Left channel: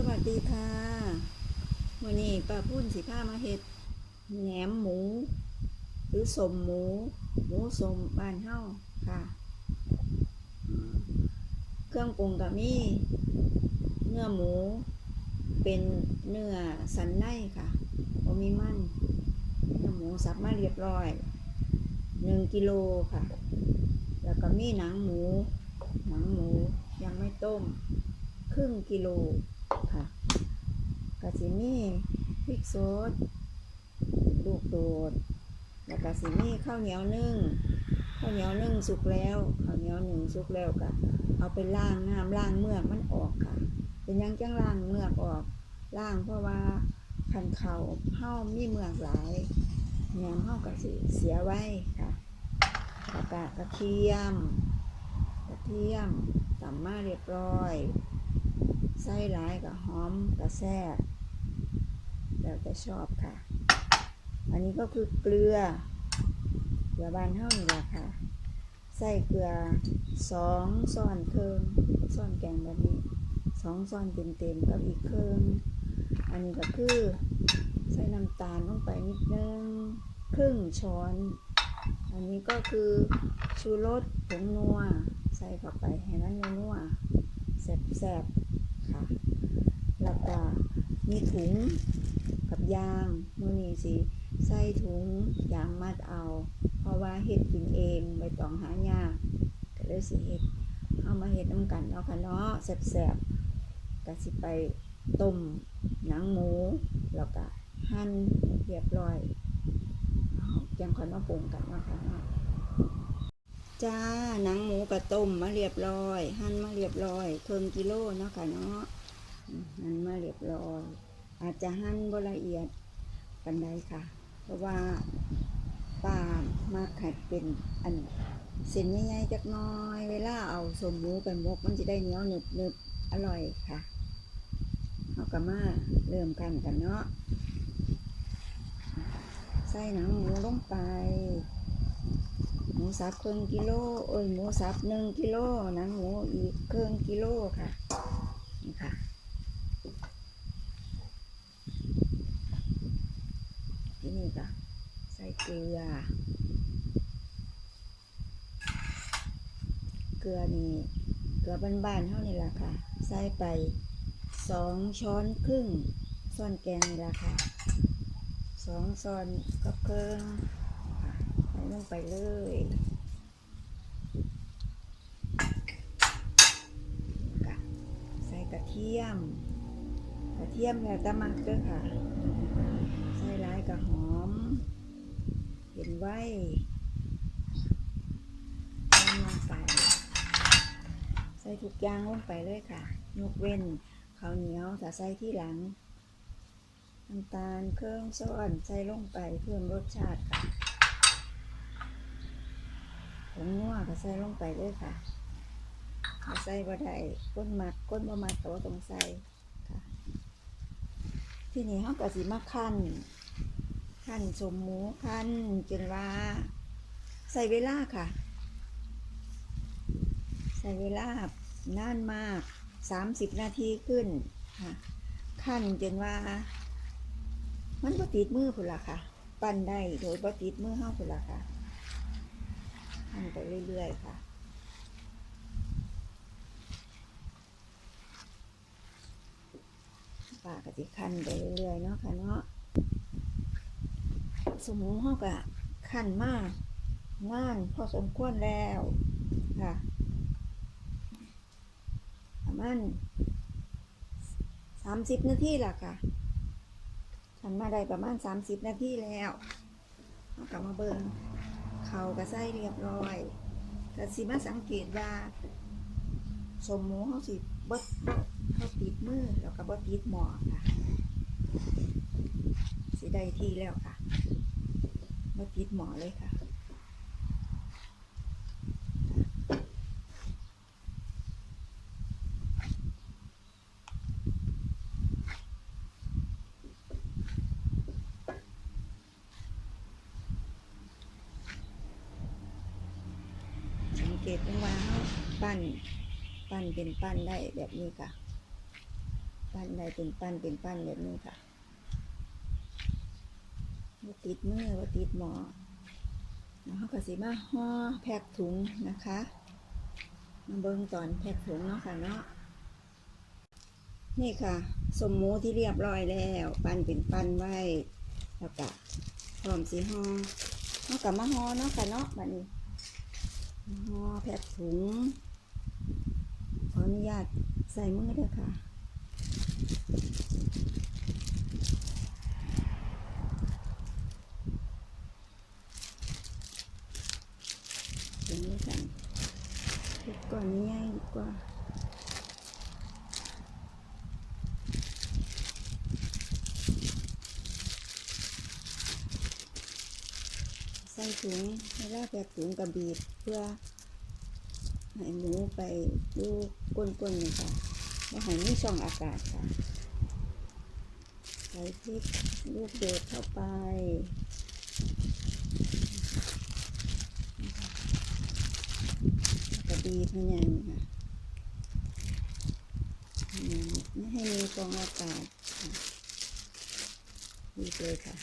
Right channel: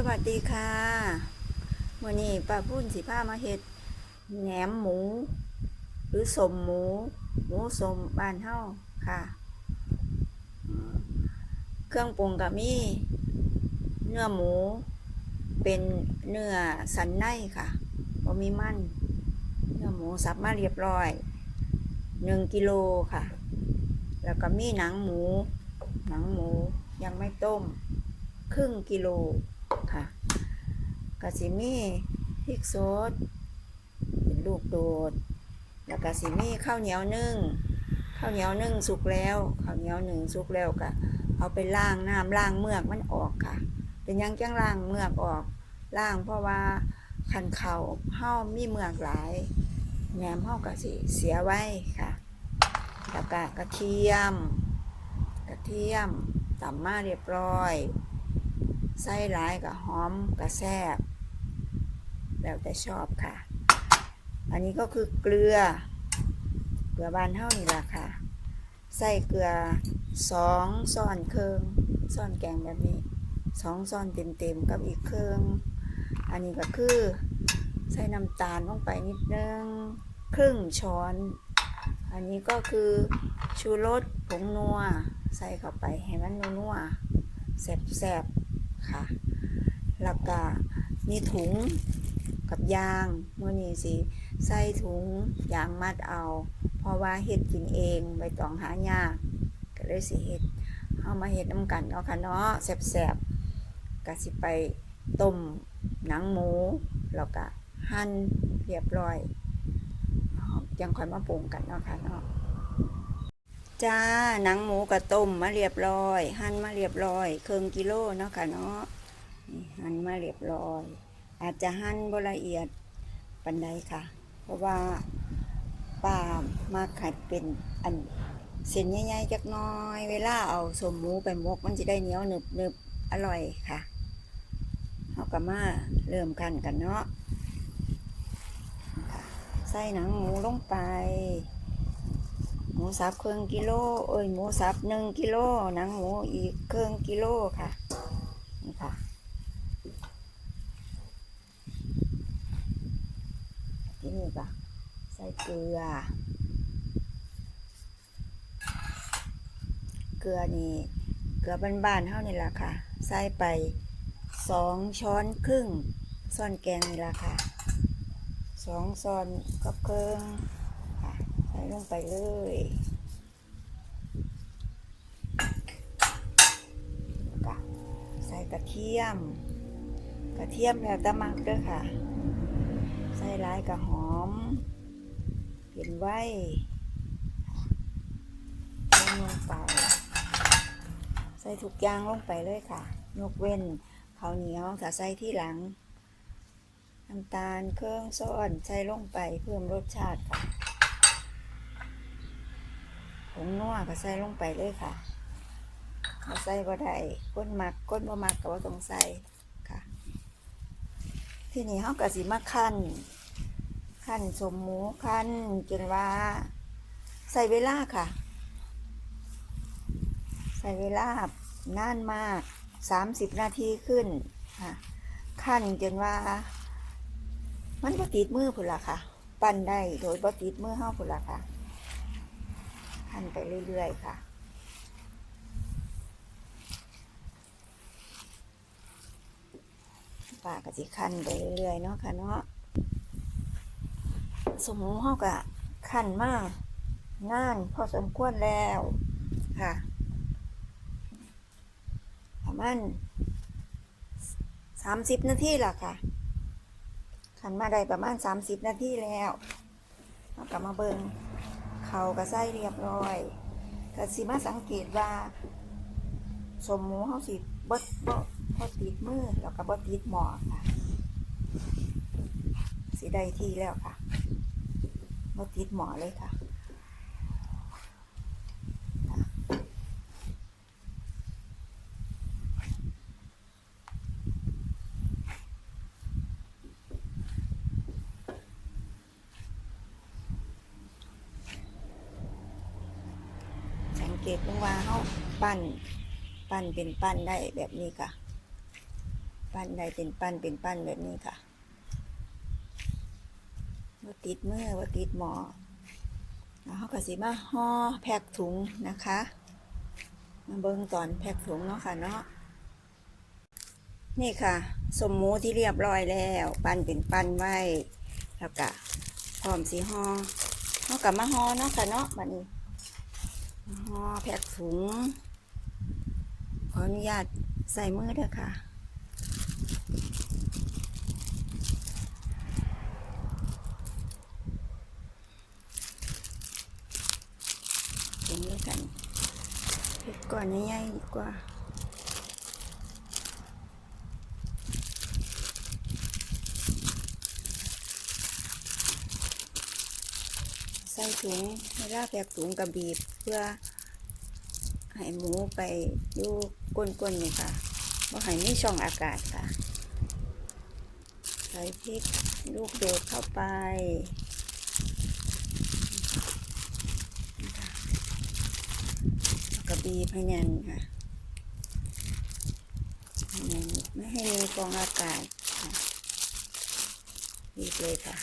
สวัสดีค่ะวันนี้ป้าพุ่นสิพามาเฮ็ดแหนมหมู หรือสมหมู หมูสมบ้านเฮาค่ะ เครื่องปรุงก็มี เนื้อหมู เป็นเนื้อสันในค่ะบ่มีมัน เนื้อหมูสับมาเรียบร้อยหนึ่งกิโลค่ะ แล้วก็มีหนังหมู หนังหมูยังไม่ต้ม ครึ่งกิโล ค่ะกะสิมีพริกสดลูกโดด แล้วก็สิมีข้าวเหนียวนึ่งข้าวเหนียวนึ่งสุกแล้วข้าวเหนียวหนึ่งสุกแล้วก็เอาไปล้างน้ำล้างเมือกมันออกค่ะ เป็นยังจังล้างเมือกออกล้างเพราะว่าคันเขาเฮามีเมือกหลายแหนมเฮาก็สิเสียไว้ค่ะแล้วก็กระเทียม กระเทียมตำมาเรียบร้อย ไส้ร้ายกับหอมกับแซ่บแล้วแต่ชอบค่ะ อันนี้ก็คือเกลือ เกลือบานเท่านี่แหละค่ะ ใส่เกลือสองซ้อนเครื่องซ้อนแกงแบบนี้สองซ้อนเต็มๆกับอีกเครื่อง อันนี้ก็คือใส่น้ำตาลลงไปนิดนึงครึ่งช้อน อันนี้ก็คือชูรสผงนัว ใส่เข้าไปให้มันนัวแซ่บๆ คะแล้วก็มีถุงกับยางมื่อนี้สิใส่ถุงยางมัดเอา เพราะว่าเฮ็ดกินเองใบตองหายากก็เลยสิเฮ็ดเอามาเฮ็ดน้ำกันเนาะค่ะเนาะแซ่บๆก็สิไปต้มหนังหมูแล้วก็หั่นเรียบร้อยยังค่อยมาปรุงกันเนาะค่ะเนาะ จ้าหนังหมูกระต้มมาเรียบร้อย หั่นมาเรียบร้อยเครึ่งกิโลเนาะค่ะเนาะหั่นมาเรียบร้อย อาจจะหั่นบละเอียดปันใดค่ะ เพราะว่าป้ามาขัดเป็นอันเส้นใหญ่ๆจักน้อย เวลาเอาสมหมูไปมกมันจะได้เหนียวหนึบหนึบๆอร่อยค่ะเอากลัมาเริ่มกันกันเนาะใส่หนังหมูลงไป หมูสับครึ่งกิโลเอ้ยหมูสับหนึ่งกิโลหนังหมูอีกครึ่งกิโลค่ะนี่ค่ะที่นี่ก็ใส่เกลือ เกลือนี่เกลือบ้านๆเท่านี่ละค่ะ ใส่ไปสองช้อนครึ่งซ่อนแกงนี่ละค่ะสองซอนกับเครื่อง ส่ลงไปเลยกะใส่กระเทียม กระเทียมแล้วตะมักเด้อค่ะ ใส่ร้ายกระหอม เห็นไว้ใส่ลงไป ใส่ทุกอย่างลงไปเลยค่ะ ยกเว้นข้าวเหนียวถ้าใส่ที่หลังน้ำตาลเครื่องซ้อนใส่ลงไปเพิ่มรสชาติค่ะผงนัว ก็ใส่ลงไปเลยค่ะถ้าใส่บ่ได้ก้นมักก้นบ่มักก็บ่ต้องใส่ค่ะ ที่นี้เฮาก็สิมาคั่นคั่นสมหมูคั่นจนว่า ใส่เวลาค่ะ ใส่เวลานานมาก30นาทีขึ้นค่ะคั่นจนว่า มันบ่ติดมือพุ่นล่ะค่ะ ปั้นได้โดยบ่ติดมือเฮาพุ่นล่ะค่ะ หั่นไปเรื่อยๆ ค่ะ ปาก็สิคั่นไปเรื่อยๆ เนาะค่ะเนาะ สมมุติเฮาก็คั่นมากนานพอสมควรแล้วค่ะ ประมาณ30นาทีละค่ะขันมาได้ประมาณ30นาทีแล้วเรากลับมาเบิง เขาก็ใส่เรียบร้อยก็สิมาสังเกตว่า สมหมูเขาสิบดบดบ่ติดมือแล้วก็บดติดหมอค่ะสิได้ที่แล้วค่ะบดติดหมอเลยค่ะ เกตดูว่าเขาปั้น ปั้นเป็นปั้นได้แบบนี้ค่ะ ปั้นได้เป็นปั้นเป็นปั้นแบบนี้ค่ะว่าติดเมื่อว่าติดหมอแล้วเขาก็สิมาห่อแพ็คถุงนะคะมาเบิ่งตอนแพ็คถุงเนาะค่ะเนาะนี่ค่ะ สมมูที่เรียบร้อยแล้ว ปั้นเป็นปั้นไว้แล้วก็พร้อมสีห่อเขากับมาห่อเนาะค่ะเนาะบัดนี้ ห่อแพ็กถุง ขออนุญาตใส่มือเด้อค่ะทีนี้กันเผ็ดก่อนใหญ่ๆดีกว่า ถุงเวลาแพ็กถุงกระบีบเพื่อให้หมูไปอยู่ก้นๆนี่ยค่ะว่าให้มีช่องอากาศค่ะ ใส่พริกลูกโดดเข้าไปกระบีพยันค่ะพยันไม่ให้มีฟองอากาศค่ะบีเลยค่ะ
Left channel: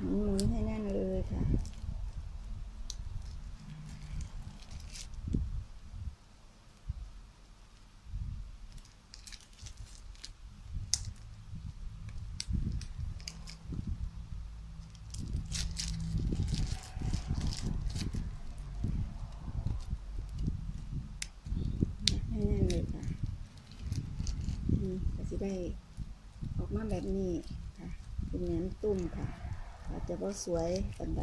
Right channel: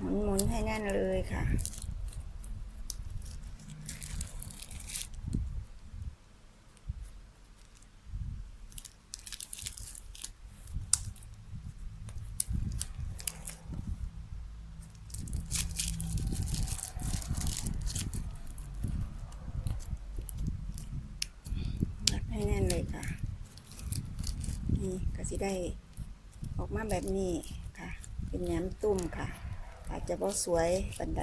หมุนๆให้แน่นเลย ค่ะรัดให้แน่นเลยค่ะ นี่ก็สิได้ออกมาแบบนี้ค่ะ เป็นแหนมตุ่มค่ะ อาจจะบ่สวยปันใด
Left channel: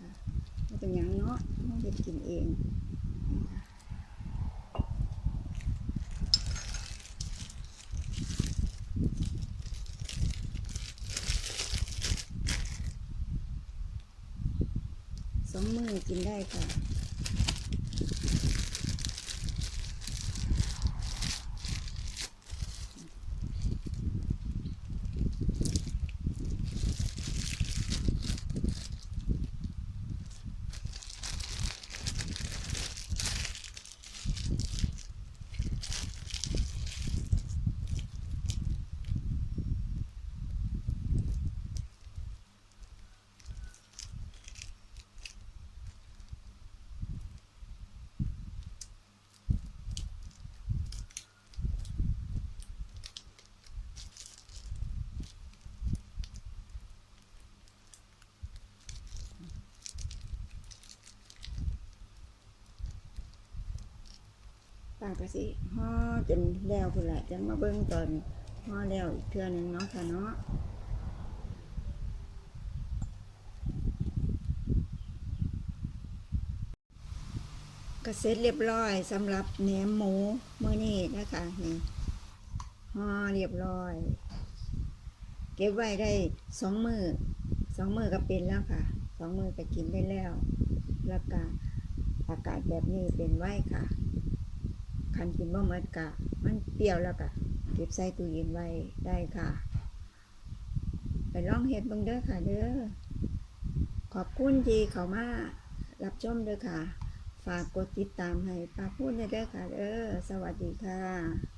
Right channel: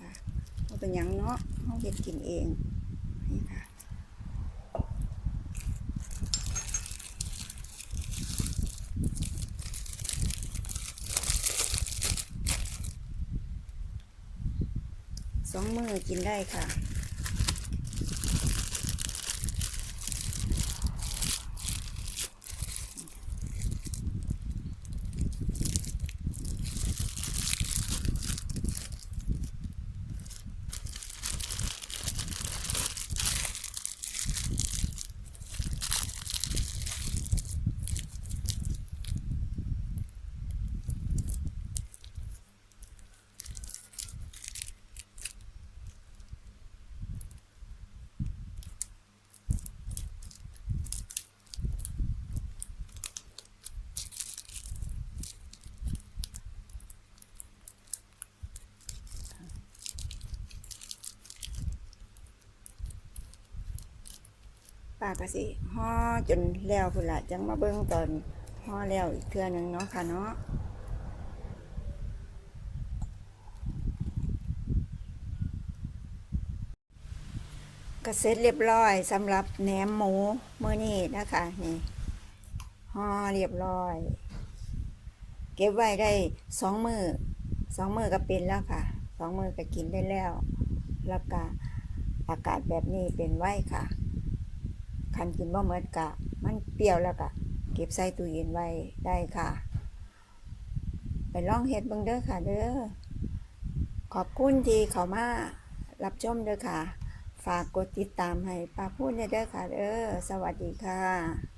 ค่ะบ่เป็นยังเนาะเราเห็ดกินเองนี่ค่ะสองมือกินได้ค่ะ ป้าก็สิห่อจนแล้วพุ่นละจังมาเบิ่งตอนห่อแล้วอีกเทื่อหนึงเนาะค่ะเนาะก็เสร็จเรียบร้อยสำหรับแหนมหมูมื้อนี้นะคะนี่ห่อเรียบร้อย เก็บไว้ได้สองมือสองมือก็เป็นแล้วค่ะสองมือก็กินได้แล้ว แล้วก็อากาศแบบนี้เป็นไว้ค่ะ คันกินบ่เหมือนกะ มันเปรี้ยวแล้วกะ เก็บใส่ตู้เย็นไว้ได้ค่ะ ไปลองเฮ็ดเบิ่งเด้อค่ะเด้อ ขอบคุณที่เขามารับชมเด้อค่ะ ฝากกดติดตามให้ป้าพูดเด้อค่ะเด้อ สวัสดีค่ะ